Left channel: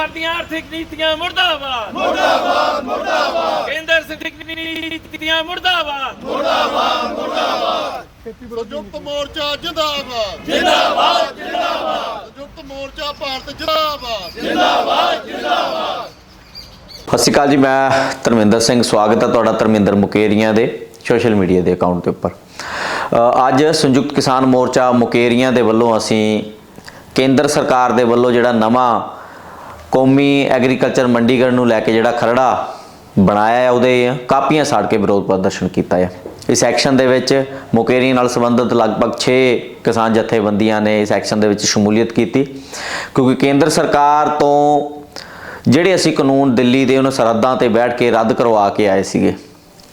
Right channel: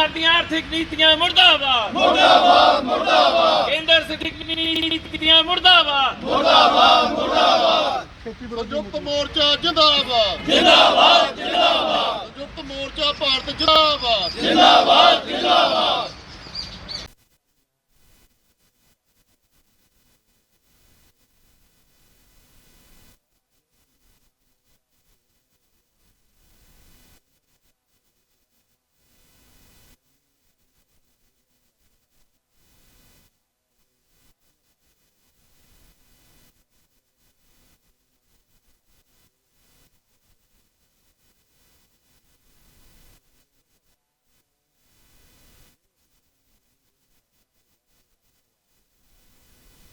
ਸਰਕਾਰ ਦੀਆਂ ਆਰਥਿਕ ਨੀਤੀਆਂ ਮੁਰਦਾਬਾਦ। ਮੁਰਦਾਬਾਦ ਮੁਰਦਾਬਾਦ। ਕੇਂਦਰ ਸਰਕਾਰ ਦੀਆਂ ਨੀਤੀਆਂ ਮੁਰਦਾਬਾਦ। ਸੰਯੁਕਤ ਮੋਰਚਾ ਜਿੰਦਾਬਾਦ। ਜਿੰਦਾਬਾਦ ਜਿੰਦਾਬਾਦ। ਸੰਯੁਕਤ ਮੋਰਚਾ ਭਾਰਤ ਜਿੰਦਾਬਾਦ। ਸਤਿ ਸ਼੍ਰੀ ਅਕਾਲ ਜੀ ਮੈਂ ਧਰਮਿੰਦਰ ਸਿੰਘ। ਸਵਾਗਤ ਹੈ ਤੁਹਾਡਾ ਧਰਮਿੰਦਰ ਮੁਕੇਰੀਆਂ ਦੇ ਸੋਸ਼ਲ ਮੀਡੀਆ ਦੇ ਅਕਾਊਂਟ ਦੇ ਉੱਪਰ। ਅੱਜ ਸੰਯੁਕਤ ਕਿਸਾਨ ਮੋਰਚਾ ਮੁਕੇਰੀਆਂ ਦੇ ਵੱਲੋਂ ਅਸੀਂ ਕੇਂਦਰ ਸਰਕਾਰ ਦੇ ਵੱਲੋਂ ਜਿਹੜਾ ਨਵਾਂ ਕੌਮੀ ਐਗਰੀਕਲਚਰ ਮੰਡੀਗੜ੍ਹ ਨੂੰ ਲੈ ਕੇ ਜਿਹੜਾ ਖਰੜਾ ਬਣਾਇਆ ਹੈ ਉਹਦੇ ਕਾਪੀਆਂ ਸਾੜ ਕੇ ਵਿਰੋਧ ਪ੍ਰਦਰਸ਼ਨ ਕੀਤਾ ਹੈ ਇਸ ਐਕਸ਼ਨ ਦੇ ਵਿੱਚ ਮੁਕੇਰੀ ਨਾਲ ਸੰਬੰਧਿਤ ਲਗਭਗ 6 ਕਿਸਾਨ ਜਥੇਬੰਦੀਆਂ ਨੇ ਇਸ ਐਕਸ਼ਨ ਦੇ ਵਿੱਚ ਸ਼ਮੂਲੀਅਤ ਕੀਤੀ। ਕਿਉਂਕਿ ਕੇਂਦਰ ਸਰਕਾਰ ਤੋਂ ਜਿਹੜੇ ਅਸੀਂ ਕਾਨੂੰਨ ਦਿੱਲੀ ਦੇ ਉਹਨਾਂ ਸਰਹੱਦਾਂ ਤੇ ਬੈਠ ਕੇ ਰੱਦ ਕਰਵਾ ਕੇ ਆਏ ਸੀਗੇ,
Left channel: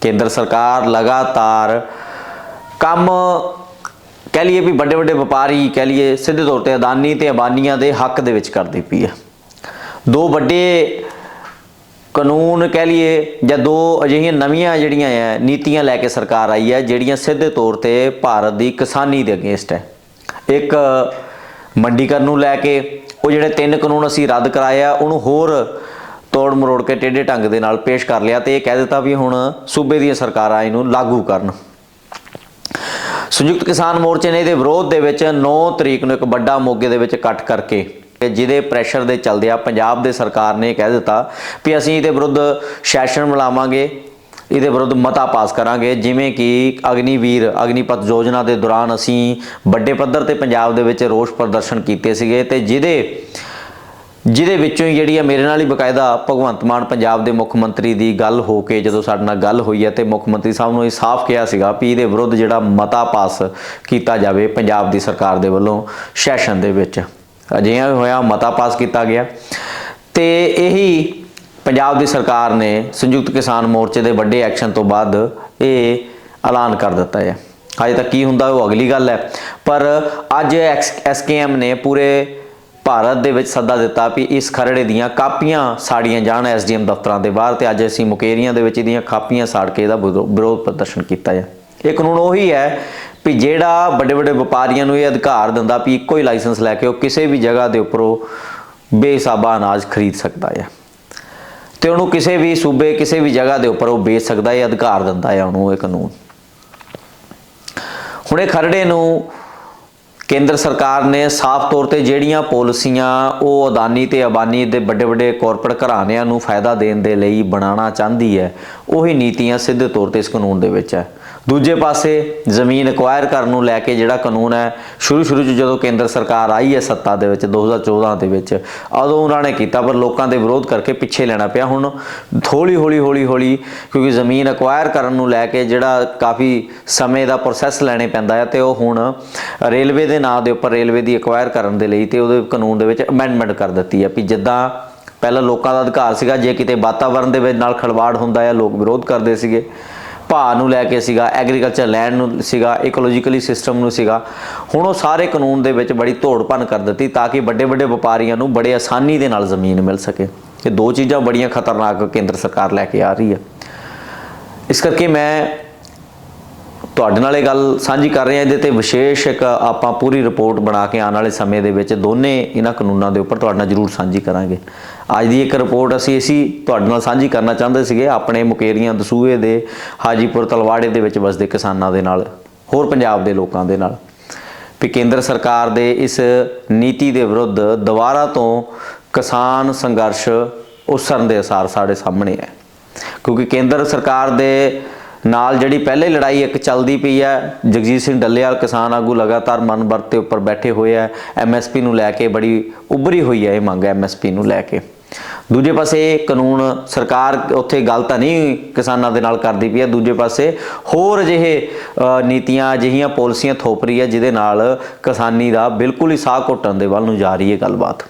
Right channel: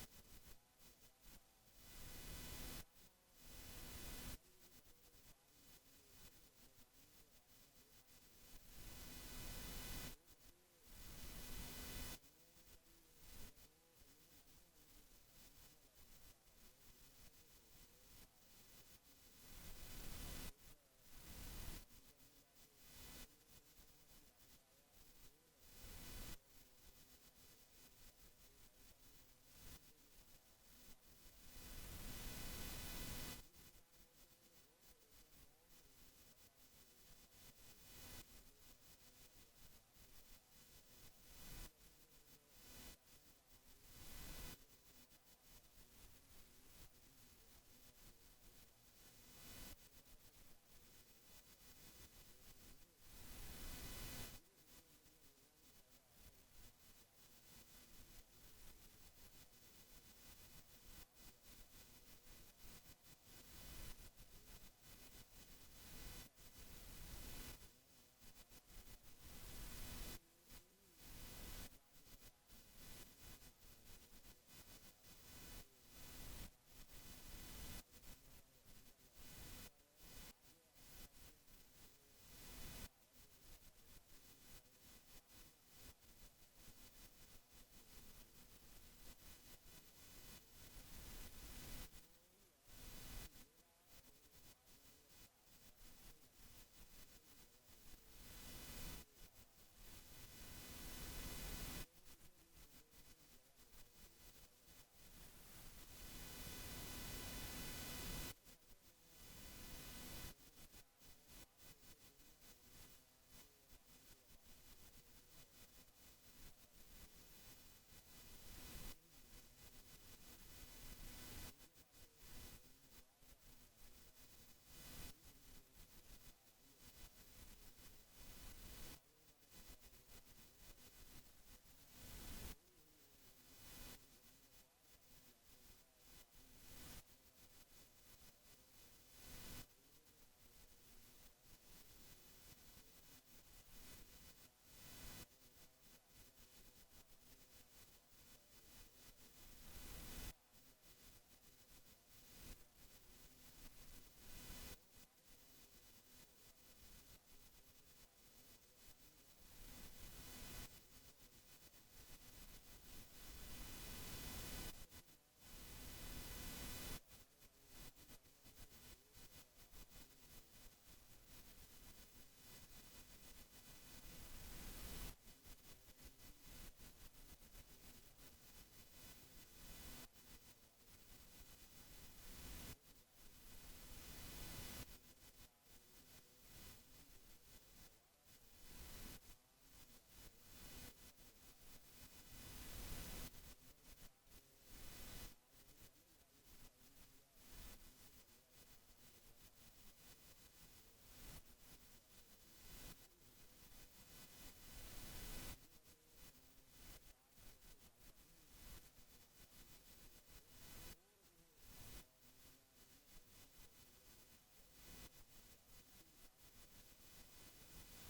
ਕੇਂਦਰ ਸਰਕਾਰ ਲਗਾਤਾਰ ਕੰਮ ਕਹਿ ਲਈਏ ਵੀ ਵੱਡੇ ਵੱਡੇ ਵਪਾਰੀ, ਕਹਿ ਲਈਏ ਸਿੱਧੇ ਤੌਰ ਤੇ ਅਦਾਨੀ ਤੇ ਅਬਾਨੀਆਂ ਦੇ ਹੱਕ ਦੇ ਵਿੱਚ ਕਰਦੀ ਪਈ ਹੈ ਦੋ ਵੱਡੇ ਕਾਨੂੰਨ ਕਹਿ ਲਈਏ ਜਾਂ ਦੋ ਅਜਿਹੀਆਂ ਨਵੀਆਂ ਜਿਹੜੀਆਂ ਹੈ ਨੀਤੀਆਂ ਲੈ ਕੇ ਸਰਕਾਰ ਆਈ ਹੈ ਜਿਹੜੀਆਂ ਸਿੱਧੇ ਤੌਰ ਤੇ ਭਾਰਤ ਦੀ ਕਿਸਾਨੀ ਦੇ ਅਗੇਂਸਟ ਹੈ। ਇੱਕ ਮੰਡੀਕਰਨ ਨੂੰ ਲੈ ਕੇ ਉਹ ਜਿਹੜੇ ਤਿੰਨ ਕਾਨੂੰਨ ਅਸੀਂ ਰੱਦ ਕਰਾਏ ਆ, ਉਹਨੂੰ ਹੋਰ ਤੋੜ ਮਰੋੜ ਕੇ ਟੇਢੇ ਢੰਗ ਦੇ ਨਾਲ ਪੇਸ਼ ਕਰ ਲਿਆ ਤੇ ਇਹ ਕਹਿ ਦਿੱਤਾ ਵੀ ਹੁਣ ਸੂਬੇ ਦੀਆਂ ਸਰਕਾਰਾਂ ਇਹਨੂੰ ਲਾਗੂ ਕਰਨ। ਸੰਯੁਕਤ ਕਿਸਾਨ ਮੋਰਚੇ ਨੇ ਇਹਦੇ ਵਿਰੋਧ ਦੇ ਵਿੱਚ 9 ਤਰੀਕ ਨੂੰ ਇੱਕ ਵੱਡਾ ਮੋਗੇ ਦੇ ਵਿੱਚ ਇਕੱਠ ਕਰਕੇ ਜਿਹਦੇ ਪ੍ਰੈਸ਼ਰ ਦੇ ਚੱਲਦੇ ਆ ਪੰਜਾਬ ਦੇ ਸਰਕਾਰ ਨੇ ਕਹਿ ਦਿੱਤਾ ਵੀ ਅਸੀਂ ਇਹਦੇ ਵਿਰੁੱਧ ਸੈਸ਼ਨ ਮਿਲਾਵਾਂਗੇ, ਇਹਦੇ ਵਿਰੁੱਧ ਮਤਾ ਪਾਸ ਕਰਾਂਗੇ। ਜਿਵੇਂ ਕਿ ਅਗਨੀਵੀਰ, ਅਗਨੀਪਥ ਯੋਜਨਾ ਦੇ ਦੌਰਾਨ ਅਸੀਂ ਵੱਡੇ ਪੱਧਰ ਤੇ ਪੰਜਾਬ ਦੇ ਵਿੱਚ ਰੋਸ ਪ੍ਰਦਰਸ਼ਨ ਕੀਤੇ ਸੀਗੇ ਤੇ ਜਿਹਦੇ ਜਿਹਦੇ ਵਿੱਚੋਂ ਹੀ ਜਿਹੜੀ ਆ ਮੇਰੇ ਨਾਲ ਹੀ ਬਕਾਇਦਾ ਭਗਵੰਤ ਮਾਨ ਪੰਜਾਬ ਦੇ ਮੁੱਖ ਮੰਤਰੀ ਦੀ ਗੱਲ ਹੋ ਕੇ ਜਦੋਂ ਸਾਡੇ ਨਾਲ ਗੱਲ ਹੋਈ ਹੈ ਤੇ ਮੁੱਖ ਮੰਤਰੀ ਸਾਹਿਬ ਨੂੰ ਇਹ ਸਾਫ਼ ਕਿਹਾ ਸੀਗਾ ਵੀ ਇਹਦੇ ਵਿਰੁੱਧ ਜਿਹੜਾ ਮਤਾ ਪਾਸ ਕੀਤਾ ਜਾਵੇ ਪੰਜਾਬ ਦੀ ਸਰਕਾਰ ਦੇ ਵੱਲੋਂ ਸੈਸ਼ਨ ਦੇ ਵਿੱਚ। ਅਜਿਹਾ ਹੋਇਆ, ਮਤਾ ਪਾਸ ਕੀਤਾ ਗਿਆ। ਤੇ ਇਹੀ ਪੰਜਾਬ ਦੀ ਸਰਕਾਰ ਨੇ ਸੰਯੁਕਤ ਕਿਸਾਨ ਮੋਰਚੇ ਦੇ ਵੱਡੇ ਐਕਸ਼ਨ ਤੋਂ ਬਾਅਦ ਇਹ ਐਲਾਨ ਕਰ ਦਿੱਤਾ ਹੈ। ਹਜੇ ਤੱਕ ਕੀ ਹੁੰਦਾ ਉਹ ਅਗਲੀ ਗੱਲ ਹੈ। ਪਰ ਅੱਜ ਐਸਕੇਐਮ ਨੇ ਪੂਰੇ ਭਾਰਤ ਦੇ ਵਿੱਚ ਸੱਦਾ ਦਿੱਤਾ ਵੀ ਇਸ ਖਰੜੇ ਦੀਆਂ ਕਾਪੀਆਂ ਸਾੜੀਆਂ ਜਾਣ ਐਸਡੀਐਮ ਦਫ਼ਤਰਾਂ ਦੇ ਬਾਹਰ ਤੇ ਅੱਜ ਅਸੀਂ ਮੁਕੇਰੀਆਂ ਦੇ ਵਿੱਚ ਇਹਦੀਆਂ ਕਾਪੀਆਂ ਸਾੜ ਕੇ ਇਹਦਾ ਵਿਰੋ- ਵਿਰੋਧ ਪ੍ਰਦਰਸ਼ਨ ਕੀਤਾ ਹੈ। ਇਹ ਕਾਨੂੰਨ ਉਹੀ ਹੈ ਵੀ ਜਿਹੜਾ ਵੱਡੇ ਵੱਡੇ ਵਪਾਰੀਆਂ ਨੂੰ ਇਹ ਅਧਿਕਾਰ ਦਿੰਦਾ ਵੀ ਇੱਕੋ ਹੀ ਲਾਇਸੈਂਸ ਲੈ ਕੇ ਉਹ ਕਿਸੇ ਵੀ ਜਗ੍ਹਾ ਦੇ ਉੱਪਰੋਂ ਬੇਸਾਬਾ ਅਨਾਜ ਖਰੀਦ ਸਕਦਾ ਹੈ ਤੇ ਉਹਨੂੰ ਕਿਸੇ ਵੀ ਸੂਬੇ, ਕਿਸੇ ਵੀ ਜਗ੍ਹਾ ਦੇ ਉੱਪਰ ਉਹ ਵੇਚ ਸਕਦਾ ਹੈ ਅਧਿਕਾਰ ਦਿੰਦਾ ਹੈ ਉਹਨੂੰ ਇਹ ਕਾਨੂੰਨ। ਹੁਣੇ ਖਰੜੇ ਨੂੰ ਕੇਂਦਰ ਸਰਕਾਰ ਨੇ ਸਾਫ਼ ਤੌਰ ਤੇ ਜਿਹੜੀਆਂ ਪਾਲਿਸੀਆਂ ਉਹ ਅਦਾਨੀ ਤੇ ਅਬਾਨੀ ਦੇ ਵੱਡੇ ਵੱਡੇ ਕਾਰਪੋਰੇਟ ਘਰਾਣਿਆਂ ਨੂੰ ਫਾਇਦਾ ਦੇਣ ਦੇ ਲਈ ਬਣਾਉਣਾ ਚਾਹੁੰਦੀ ਹੈ, ਉਹੀ ਨੀਤੀਆਂ ਸਿੱਧੇ ਤੌਰ ਤੇ ਇਸ ਕਾਨੂੰਨ ਦੇ ਵਿੱਚ ਹੈ। ਦੂਜੇ ਪਾਸੇ ਜ਼ਮੀਨ ਐਕਵਾਇਰ ਕਰਨ ਨੂੰ ਲੈ ਕੇ ਜਿਹੜਾ ਕਾਨੂੰਨ ਹੈ ਸ਼ੁਰੂ ਸ਼ੁਰੂ ਚ ਜਦੋਂ ਕੇਂਦਰ ਸਰਕਾਰ ਆਈ ਹੈ ਸੱਤਾ ਦੇ ਵਿੱਚ 2014 ਦੇ ਵਿੱਚ, ਉਦੋਂ ਉਹਨਾਂ ਨੇ ਕੀਤਾ, ਪਰ ਲੋਕਾਂ ਦੇ ਵਿਰੋਧ ਕਰਕੇ ਪਿੱਛੇ ਲੈਣਾ ਪਿਆ। ਹੁਣ ਥੋੜੀ ਹੌਲੀ ਹੌਲੀ ਹੌਲੀ ਕਿਉਂਕਿ ਜ਼ਮੀਨ ਐਕਵਾਇਰ ਕਰਨ ਨੂੰ ਲੈ ਕੇ ਜਿਹੜਾ ਕਾਫੀ ਸਮੇਂ ਦਾ ਪ੍ਰੋਸੈਸ ਲੈਣੇ ਪੈਂਦਾ ਹੈ ਤੇ ਉਹ ਹੁਣ ਰੇਲਵੇ ਦੇ ਨਾਂ ਦੇ ਉੱਪਰ ਰੇਲਵੇ ਦੀ ਐਕਵਾਇਰ ਕਰਨ ਦੇ ਲਈ ਤੇ ਉਹਦੇ ਕਾਨੂੰਨ ਦੇ ਵਿੱਚ ਅਮੈਂਡਮੈਂਟ ਕਰ ਦਿੱਤੀ ਹੈ ਵੀ ਜਿੱਦਾਂ ਪਹਿਲਾਂ ਲੋਕਾਂ ਦਾ ਅਧਿਕਾਰ ਸੀਗਾ, ਜੇ ਕਿਤੇ ਵਾਤਾਵਰਣ ਦੇ ਵਿੱਚ ਨਾਲ ਖਲਵਾੜ ਹੁੰਦਾ ਹੈ ਲੋਕ ਵਿਰੋਧ ਕਰਦੇ ਸੀਗੇ। ਭਾਅ ਨੂੰ ਲੈ ਕੇ ਸੀਗਾ ਐਗਰੀਕਲਚਰ ਲੈਂਡ ਨੂੰ ਸੀਗਾ ਇਕੋਲੋਜੀਕਲੀ ਸਿਸਟਮ ਨੂੰ ਸੀਗਾ, ਹੁਣ ਉਹ ਸਾਰੇ ਕਾਨੂੰਨ ਦੇ ਵਿੱਚ ਬੜੀ ਧੋੜ ਭੰਨ ਕਰ ਦਿੱਤੀ ਤਾਂ ਕਿ ਵੱਡੇ ਵੱਡੇ ਵਪਾਰੀਆਂ ਨੂੰ ਬੜੇ ਆਸਾਨੀ ਦੇ ਨਾਲ ਜ਼ਮੀਨ ਮਿਲ ਸਕੇ। ਇਹ ਦੋ ਚੀਜ਼ਾਂ ਬੜੀਆਂ ਖਤਰਨਾਕ ਕੇਂਦਰ ਸਰਕਾਰ ਲੈ ਕੇ ਆ ਰਹੀ ਹੈ। ਇਸ ਕਰਕੇ ਮੈਂ ਤੁਹਾਡੇ ਨਾਲ ਇਹ ਗੱਲ ਸਾਂਝੀ ਕਰ ਰਹੇ ਹਾਂ। ਇਹਦੇ ਤੇ ਵਿਸ਼ੇਸ਼ ਇੱਕ ਆਪਾਂ ਪੂਰੀ ਰਿਪੋਰਟ ਬਣਾ ਕੇ ਆਉਣ ਵਾਲੇ ਸਮੇਂ ਦੇ ਵਿੱਚ ਦੋਨੇ ਇਹਨਾਂ ਕਾਨੂੰਨਾਂ ਦੇ ਉੱਪਰ ਤੁਹਾਡੇ ਨਾਲ ਜ਼ਰੂਰ ਸਾਂਝੀ ਕਰਾਂਗੇ। ਅੱਜ ਦੀ ਇੱਕ ਰਿਪੋਰਟ ਅਸੀਂ ਅਸੀਂ ਤੁਹਾਡੇ ਨਾਲ ਸਾਂਝੀ ਕਰਨਾ ਚਾਹੁੰਦੇ ਸੀਗੇ, ਆਪਣੇ ਮੁਕੇਰੀਆਂ ਦਸੂਏ ਦੇ, ਹਾਜੀਪੁਰ ਤਲਵਾੜੇ ਦੇ ਵਿੱਚ ਵਸਦੇ ਕਿਸਾਨਾਂ ਦੇ ਨਾਲ, ਹੋਰ ਪੰਜਾਬ ਦੇ ਲੋਕਾਂ ਦੇ ਨਾਲ। ਵੀ ਕੇਂਦਰ ਸਰਕਾਰ ਦੇ ਇਸ ਨੀਤੀ ਦੇ ਵਿਰੁੱਧ ਦੁਬਾਰਾ ਤੋਂ ਕਿਸਾਨ ਸੰਘਰਸ਼ ਉਸਰਨ ਦੇ ਅਸਾਰ ਸਾਡੇ ਸਾਹਮਣੇ ਹੈ। ਕਿਉਂਕਿ ਕੇਂਦਰ ਸਰਕਾਰ ਦੇ ਨਾਲ ਜਿਹੜੀ ਪਹਿਲੇ ਲੜਾਈ ਇੱਕ ਚੱਲਦੀ ਪਈ ਹੈ, ਜਗਜੀਤ ਸਿੰਘ ਡੱਲੇਵਾਲ ਕਿਸਾਨ ਆਗੂ ਲਗਾਤਾਰ ਮਨ ਵਰਤੇ ਉੱਪਰ ਬੈਠੇ ਹੋਏ ਆ ਐਮਐਸਪੀ ਨੂੰ ਲੈ ਕੇ ਬੜੀ ਉੱਭਰੀ ਹੋਈ ਹੈ ਇਹ ਮੰਗ ਐਮਐਸਪੀ ਨੂੰ ਲੈ ਕੇ। ਦੂਜੇ ਪਾਸੇ ਕਾਨੂੰਨ ਸਰਕਾਰ ਉੱਥੇ ਗੱਲ ਤਾਂ ਨਹੀਂ ਕਿਸਾਨਾਂ ਦੇ ਨਾਲ ਕਰਦੀ ਪਈ ਹੈ, ਦੂਜੇ ਪਾਸੇ ਹੋਰ ਅਜਿਹੇ ਨੀਤੀਆਂ, ਅਜਿਹੀਆਂ ਪਾਲਿਸੀਆਂ ਥੋਪ ਰਹੀ ਹੈ, ਜਿਹਦੇ ਨਾਲ ਕਿਸਾਨੀ ਦਾ ਬਿਲਕੁਲ ਹੀ ਸਾਹ ਘੁੱਟਣ ਦੇ ਵੱਲ ਨੂੰ ਜਾ ਰਹੀ ਹੈ ਗੱਲਬਾਤ।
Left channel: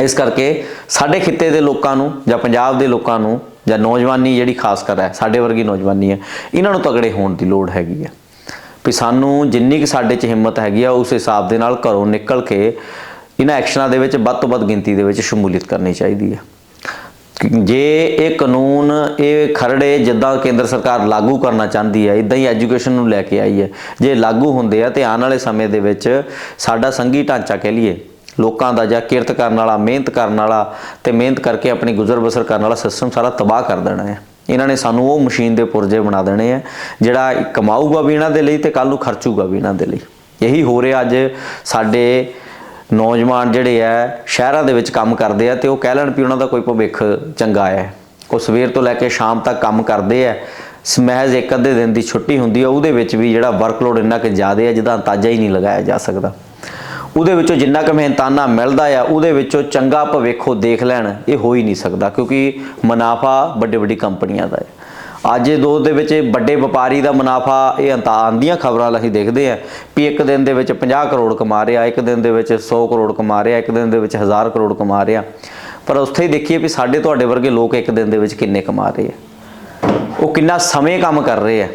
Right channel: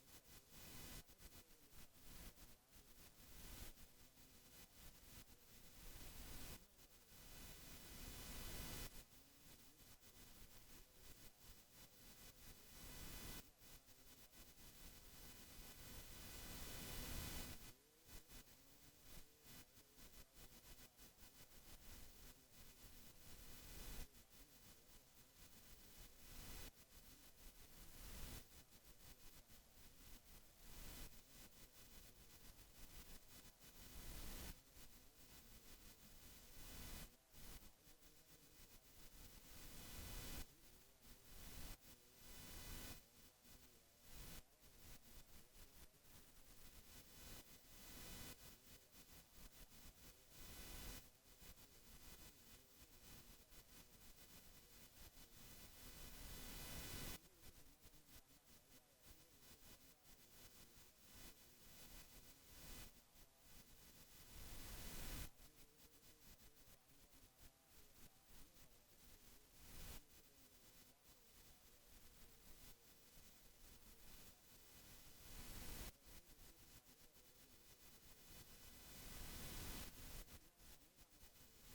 ਇਸ ਕਰਕੇ ਸਾਡੇ ਖਿੱਤੇ ਦੇ ਲੋਕਾਂ ਨੂੰ ਜਾਂ ਪੰਜਾਬ ਦੇ ਲੋਕਾਂ ਨੂੰ ਜਾਂ ਨੌਜਵਾਨੀ ਜਿਹੜੀ ਖਾਸ ਕਰ ਹੈ, ਸਾਡੇ ਵਰਗੀ ਨੌਜਵਾਨੀ ਹੈ, ਇਹਨਾਂ ਨੂੰ ਤਗੜੇ ਹੋਣ ਦੀ ਲੋੜ ਹੈਗੀ ਹੈ ਵੀ ਸਾਨੂੰ ਜਿੰਨੀ ਕਿ ਸਾਡੇ 'ਚ ਹਿੰਮਤ ਹੈਗੀ ਆ, ਉਸ ਹਿਸਾਬ ਦੇ ਨਾਲ ਘਰੋਂ ਨਿਕਲ ਕੇ ਇਹਨਾਂ ਐਕਸ਼ਨਾਂ ਦੇ ਵਿੱਚ ਵੱਧ ਤੋਂ ਵੱਧ ਗਿਣਤੀ ਦੇ ਵਿੱਚ ਸ਼ਮੂਲੀਅਤ ਕਰਨੀ ਚਾਹੀਦੀ ਹੈ ਜੇ ਇਹ ਕਾਨੂੰਨ, ਇਹ ਖਰੜੇ ਜਿੱਦਾਂ ਕੇਂਦਰ ਸਰਕਾਰ ਲਾਗੂ ਕਰਨਾ ਚਾਹੁੰਦੀ ਹੈ ਇਦਾਂ ਹੀ ਐਜੂਕੇਸ਼ਨ ਨੂੰ ਲੈ ਕੇ ਆਈ ਹੈ ਜੇ ਲਾਗੂ ਹੁੰਦੇ ਆ ਤੇ ਆਉਣ ਵਾਲੇ ਸਮੇਂ ਦੇ ਵਿੱਚ ਸਾਡਾ ਸੰਘੀ ਢਾਂਚਾ ਕਹਿ ਲਈਏ ਲੋਕਾਂ ਦਾ ਜਾਂ ਕਿਰਤ ਕਰਨ ਵਾਲਾ, ਮਿਹਨਤ ਕਰਨ ਵਾਲਾ ਤੇ ਮਿਹਨਤ ਕਰਕੇ ਆਪਣੀ ਗੁਜ਼ਰ ਬਸਰ ਕਰਨ ਵਾਲਾ ਸਿਸਟਮ ਸਾਰਾ ਤਬਾਹ ਕਰ ਦੇਣਾ ਹੈ। ਇਹਨਾਂ ਨੇ ਸਾਨੂੰ ਉਹ ਮਸ਼ੀਨ ਦੇ ਪੁਰਜੇ ਬਣਾ ਦੇਣੇ ਆ ਜਿਹੜਾ ਕਮਾਊਗਾ ਵੀ ਇਹਨਾਂ ਦੇ ਲਈ ਤੇ ਕੱਲ ਨੂੰ ਖਰਚੂਗਾ ਵੀ ਇਹਨਾਂ ਦੇ ਲਈ। ਇਹੀ ਹੋ ਰਿਹਾ ਅੱਜ ਸਾਡੇ ਨੌਜਵਾਨ ਜਿਹੜੇ ਆ ਸ਼ਹਿਰਾਂ ਦੇ ਵਿੱਚ ਕੰਮ ਕਰਦੇ ਆ ਤੇ ਉਹ ਕਹਿ ਲੈਣ ਵੀ ਉਹਨਾਂ ਦਾ ਕੋਈ ਭਵਿੱਖ ਚੰਗਾ ਹੈ। ਉਹ ਸਵੇਰ ਤੋਂ ਲੈ ਕੇ ਸ਼ਾਮ ਤੱਕ ਕੰਮ ਕਰਦੇ ਆ ਸ- ਇੱਕ ਅੱਧੇ ਦਿਨ ਦੀ ਛੁੱਟੀ ਹੁੰਦੀ ਆ ਉਹਦੇ ਵਿੱਚ ਵੀ ਜਿਹੜਾ ਵਰਕਲੋਡ ਇੰਨਾ ਕਿ ਜ਼ਿਆਦਾ ਹੈ, ਜਿਹਦਾ ਅੰਦਾਜ਼ਾ ਹੀ ਨਹੀਂ ਲਗਾਇਆ ਜਾ ਸਕਦਾ। ਉਹਦੇ ਵਿੱਚੋਂ ਜਿੰਨਾ ਕੁ ਮਿਹਨਤਾਨਾ ਮਿਲਦਾ ਆ, ਉਹਦੇ ਵਿੱਚੋਂ ਚੰਗਾ ਭਵਿੱਖੋ ਦੇਖ ਲੈਣ, ਇਹ ਹੋ ਹੀ ਨਹੀਂ ਸਕਦਾ, ਕਿਉਂਕਿ ਮੁਨਾਫਾ ਵੱਡੇ ਵੱਡੀ ਕੰਪਨੀਆਂ ਦਾ ਹੈ। ਅੱਜ ਦੇ ਦੌਰ ਦੇ ਵਿੱਚ ਵੱਡੇ ਵਪਾਰੀ ਦਾ ਮੁਨਾਫਾ, ਇਹ ਅੰਤਾ ਆਂਦੀਆਂ ਖਬਰਾਂ ਅਸੀਂ ਦੇਖਦੇ ਆ ਵੀ ਇੱਕ ਦਿਨ ਦੇ ਵਿੱਚ 50 ਕਰੋੜ ਕਮਾ ਰਿਹਾ, ਇੱਕ ਦਿਨ ਦੇ ਵਿੱਚ 100 ਕਰੋੜ ਕਮਾ ਰਿਹਾ, ਇੱਕ ਦਿਨ ਦੇ ਵਿੱਚ 1000 ਕਰੋੜ ਕਮਾ ਰਿਹਾ। ਪਰ ਉੱਥੇ ਹੀ ਦੇਖੀਏ ਵੀ ਸਾਡੇ ਤੁਹਾਡੇ ਵਰਗੇ ਲੋਕ ਇੱਕ ਦਿਨ ਦੇ ਵਿੱਚ ਕਿੰਨੇ ਕਮਾ ਰਹੇ ਆ। ਉਹ ਕਿੰਨਾ ਸਮੇਂ ਕੰਮ ਕਰ ਰਹੇ ਆ।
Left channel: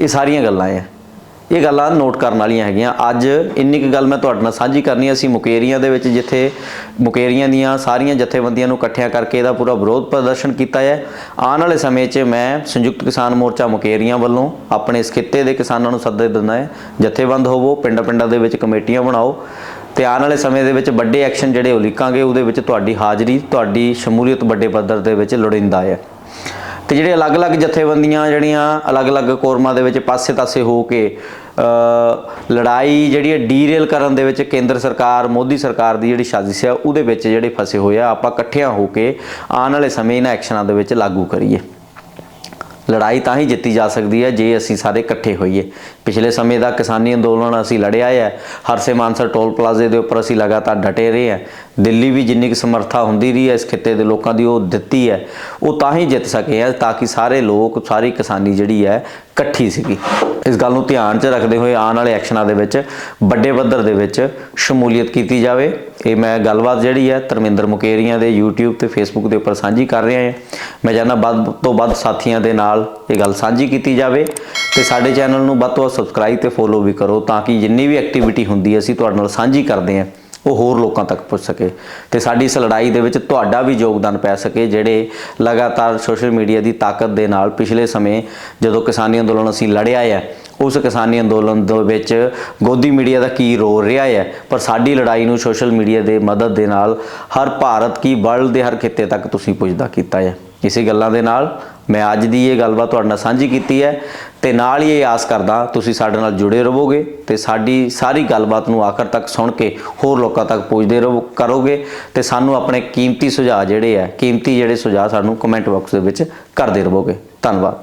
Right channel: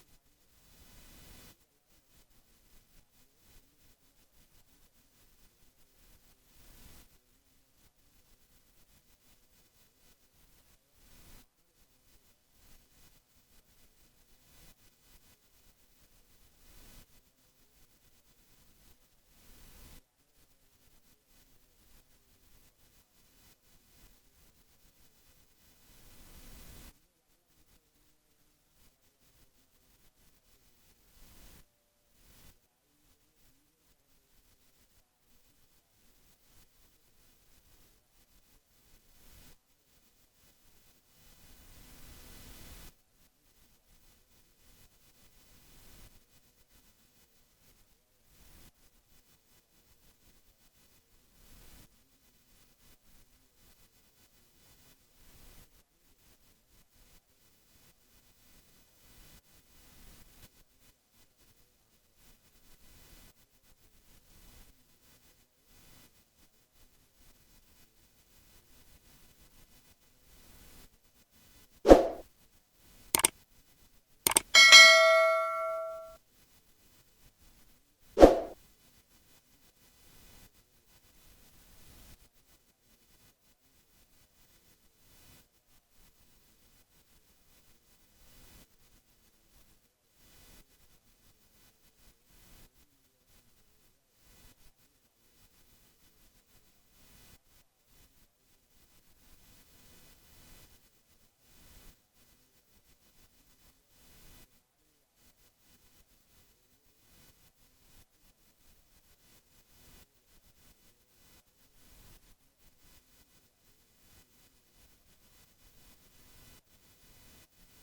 ਇਹ ਸਾਰੀਆਂ ਗੱਲਾਂ ਆ। ਇਹ ਗੱਲਾਂ ਨੋਟ ਕਰਨ ਵਾਲੀਆਂ ਹੈਗੀਆਂ। ਅੱਜ ਇੰਨੀ ਕੁ ਗੱਲ ਮੈਂ ਤੁਹਾਡੇ ਨਾਲ ਸਾਂਝੀ ਕਰਨੀ ਅਸੀਂ ਮੁਕੇਰੀਆਂ ਦੇ ਵਿੱਚ ਜਿੱਥੇ ਮੁਕੇਰੀਆਂ ਦੀਆਂ ਸਾਰੀਆਂ ਜਥੇਬੰਦੀਆਂ ਨੂੰ ਇਕੱਠਿਆਂ ਕਰਕੇ ਇਹਦਾ ਪੂਰਾ ਵਿਰੋਧ ਪ੍ਰਦਰਸ਼ਨ ਕੀਤਾ ਹੈ। ਆਉਣ ਵਾਲੇ ਸਮੇਂ 'ਚ ਮੈਂ ਸੰਯੁਕਤ ਕਿਸਾਨ ਮੋਰਚਾ ਮੁਕੇਰੀਆਂ ਵੱਲੋਂ ਆਪਣੇ ਇਸ ਖਿੱਤੇ ਦੇ ਕਿਸਾਨਾਂ ਨੂੰ ਸੱਦੇ ਦਿੰਦਾ ਹੈ। ਜਥੇਬੰਦ ਹੋਵੋ ਪਿੰਡਾਂ-ਪਿੰਡਾਂ ਦੇ ਵਿੱਚ ਕਮੇਟੀਆਂ ਬਣਾਓ। ਤੇ ਆਉਣ ਵਾਲੇ ਸਮੇਂ ਦੇ ਵਿੱਚ ਵੱਡੇ ਐਕਸ਼ਨ ਜਿਹੜੇ ਉਲੀਕਾਂਗੇ ਉਹਦੇ ਵਿੱਚ ਤੁਹਾਡੀ ਹਾਜ਼ਰੀ, ਤੁਹਾਡੀ ਸ਼ਮੂਲੀਅਤ ਵੱਡੇ ਪੱਧਰ ਦੇ ਵਿੱਚ ਲੋੜੀਂਦਾ ਹੈ। ਤੇ ਜਿਹੜੇ ਅਲੱਗ-ਅਲੱਗ ਜਥੇਬੰਦੀਆਂ ਜਿਹੜੀਆਂ ਅਲੱਗ-ਅਲੱਗ ਕੋਰਮਾਂ ਦੇ ਵਿੱਚ ਪਾਸੇ-ਪਾਸੇ ਹੋ ਕੇ ਲੜਾਈ ਜਿਹੜੀ ਹੈ ਡੀਰੇਲ ਕਰਨ ਦੇ ਵਿੱਚ ਕੇਂਦਰ ਸਰਕਾਰ, ਮੋਦੀ ਸਰਕਾਰ ਦੀ ਜਿਹੜੀ ਸਾਜ਼ਿਸ਼ ਹੈ, ਉਹਦੇ ਵਿੱਚ ਜਿਹੜੇ ਫਸੇ ਹੋਏ ਆ, ਆਪਾਂ ਇਕੱਠਿਆਂ ਹੋ ਕੇ ਆਉਣ ਵਾਲੇ ਸਮੇਂ ਇਹਨਾਂ ਐਕਸ਼ਨਾਂ ਦੇ ਵਿੱਚ ਲਾਗੂ ਕਰੀਏ। ਲੜਾਈ ਤਾਂ ਹੀ ਜਿੱਤੀ ਜਾ ਸਕਦੀ ਹੈ ਜੇ ਅਸੀਂ ਸਾਰੇ ਇਕੱਠੇ ਹੋਈਏ। ਪਿਛਲੇ ਸਮੇਂ ਦਾ ਕਿਸਾਨੀ ਅੰਦੋਲਨ ਅਸੀਂ ਲੜਿਆ ਹੈ ਹਰਸੇ ਮਾਨਸਰ ਟੋਲ ਪਲਾਜ਼ੇ ਦੇ ਉੱਪਰ ਅਸੀਂ ਲਗਾਤਾਰ ਡਟੇ ਰਹੇ ਹਾਂ ਦਿੱਲੀ ਵੀ ਜਿੰਨੀ ਕੁ ਸਮਰੱਥਾ ਹੁੰਦੀ ਰਹੀ ਹੈ ਇਸ ਖਿੱਤੇ ਦੇ ਲੋਕਾਂ ਦੀ ਉਹ ਦਿੱਤੀ ਹੈ। ਉਹ ਤਾਂ ਹੀ ਜਿੱਤ ਸਕੇ ਹੈ ਤਾਂ ਕਿ ਸਾਰੇ ਲੋਕ, ਸਾਰੀ ਕਿਸਾਨੀ ਜਿਹੜੀ ਹੈ ਇਕੱਠੀ ਸੀਗੀ। ਇਸ ਗੱਲ ਨੂੰ ਧਿਆਨ 'ਚ ਰੱਖਦੇ ਹੋਏ ਆਉਣ ਵਾਲੇ ਐਕਸ਼ਨਾਂ ਦੇ ਵਿੱਚ, ਵੱਡੇ ਪੱਧਰ ਦੇ ਵਿੱਚ ਸ਼ਮੂਲੀਅਤ ਕੀਤੀ ਜਾਵੇ। ਇਹ ਮੈਂ ਗੱਲਬਾਤ ਜਿਹੜੀ ਹੈ ਧਰਮਿੰਦਰ ਮੁਕੇਰੀਆਂ ਦੇ YouTube ਤੇ Facebook ਦੇ ਉੱਪਰ ਸਾਂਝੀ ਕਰ ਰਿਹਾ ਹਾਂ। ਮੈਂ ਚਾਹੁੰਦਾ ਵੱਧ ਤੋਂ ਵੱਧ ਸਾਥੀਆਂ ਦੇ ਨਾਲ ਇਹ ਗੱਲ ਸਾਂਝੀ ਕੀਤੀ ਜਾਵੇ ਤੇ ਸਾਡੇ ਚੈਨਲ ਨੂੰ ਵੱਧ ਤੋਂ ਵੱਧ ਸਬਸਕ੍ਰਾਈਬ ਤੇ ਫੋਲੋ ਵੀ ਕਰੋ ਤਾਂ ਕਿ ਜਿੰਨੀ ਵੀ ਐਕਟੀਵਿਟੀ ਹੁੰਦੀ ਹੈ ਅਸੀਂ ਤੁਹਾਡੇ ਨਾਲ ਸਾਂਝੀ ਕਰਦੇ ਹਾਂ। ਉਹ ਹੋਰ ਲੋਕਾਂ ਤੱਕ ਪਹੁੰਚ ਸਕੇ ਤੇ ਸਾਡੀ ਇਸ ਲੜਾਈ ਦੇ ਵਿੱਚ ਤੁਹਾਡਾ ਵੀ ਯੋਗਦਾਨ ਪੈ ਸਕੇ, ਜਿਹੜੇ ਲਗਾਤਾਰ ਸੋਸ਼ਲ ਮੀਡੀਆ ਦੀ ਤਾਕਤ ਦੇ ਨਾਲ ਪਿਛਲੇ ਸਮੇਂ ਜਦੋਂ ਕਿਸਾਨੀ ਅੰਦੋਲਨ ਅਸੀਂ ਲੜਿਆ ਹੈ ਉਸ ਕਿਸਾਨੀ ਅੰਦੋਲਨ ਦੇ ਵਿੱਚ ਗੋਦੀ ਮੀਡੀਆ ਦਾ ਕੀ ਰੋਲ ਰਿਹਾ ਹੈ ਪਰ ਸਾਡੀ ਲੜਾਈ ਨੂੰ ਸੋਸ਼ਲ ਮੀਡੀਆ ਦੇ ਮਦਦ ਦੇ ਨਾਲ ਹਰ ਭਾਰਤ ਕੀ ਵਰਲਡ ਦੇ ਹਰ ਖਿੱਤੇ ਤੱਕ ਤੁਸੀਂ ਪੁੱਜਦਾ ਕੀਤਾ ਹੈ ਇਸੇ ਗੱਲਾਂ ਦੇ ਨਾਲ। ਮੈਂ ਅੱਜ ਦੀ ਇਹ ਗੱਲਬਾਤ ਤੁਹਾਡੇ ਨਾਲ ਸਾਂਝੀ ਕੀਤੀ ਹੈ ਤੇ ਨਾਲ ਹੀ ਇਹ ਆਸ ਕਰਦਾ ਤੁਸੀਂ ਸਾਡੇ ਨਾਲ ਜੁੜੇ ਰਹੋਗੇ ਤੇ ਸਾਡੀ ਸਾਰੀ ਗੱਲਬਾਤ ਨੂੰ ਆਖਰ ਤੱਕ ਸੁਣ ਕੇ ਹੋਰ ਲੋਕਾਂ ਤੱਕ ਪਹੁੰਚਦੇ ਰਹੋ, ਕਰੋਗੇ ਤੇ ਸਾਨੂੰ ਆਪਣੇ ਕੀਮਤੀ ਸੁਝਾਅ ਜਿਹੜੇ ਆ, ਕੀਮਤੀ ਜਿਹੜੇ ਸੁਝਾਅ ਸਾਨੂੰ ਕਮੈਂਟ ਬਾਕਸ ਦੇ ਵਿੱਚ ਕਰਦੇ ਰਹੋਗੇ। ਧੰਨਵਾਦ।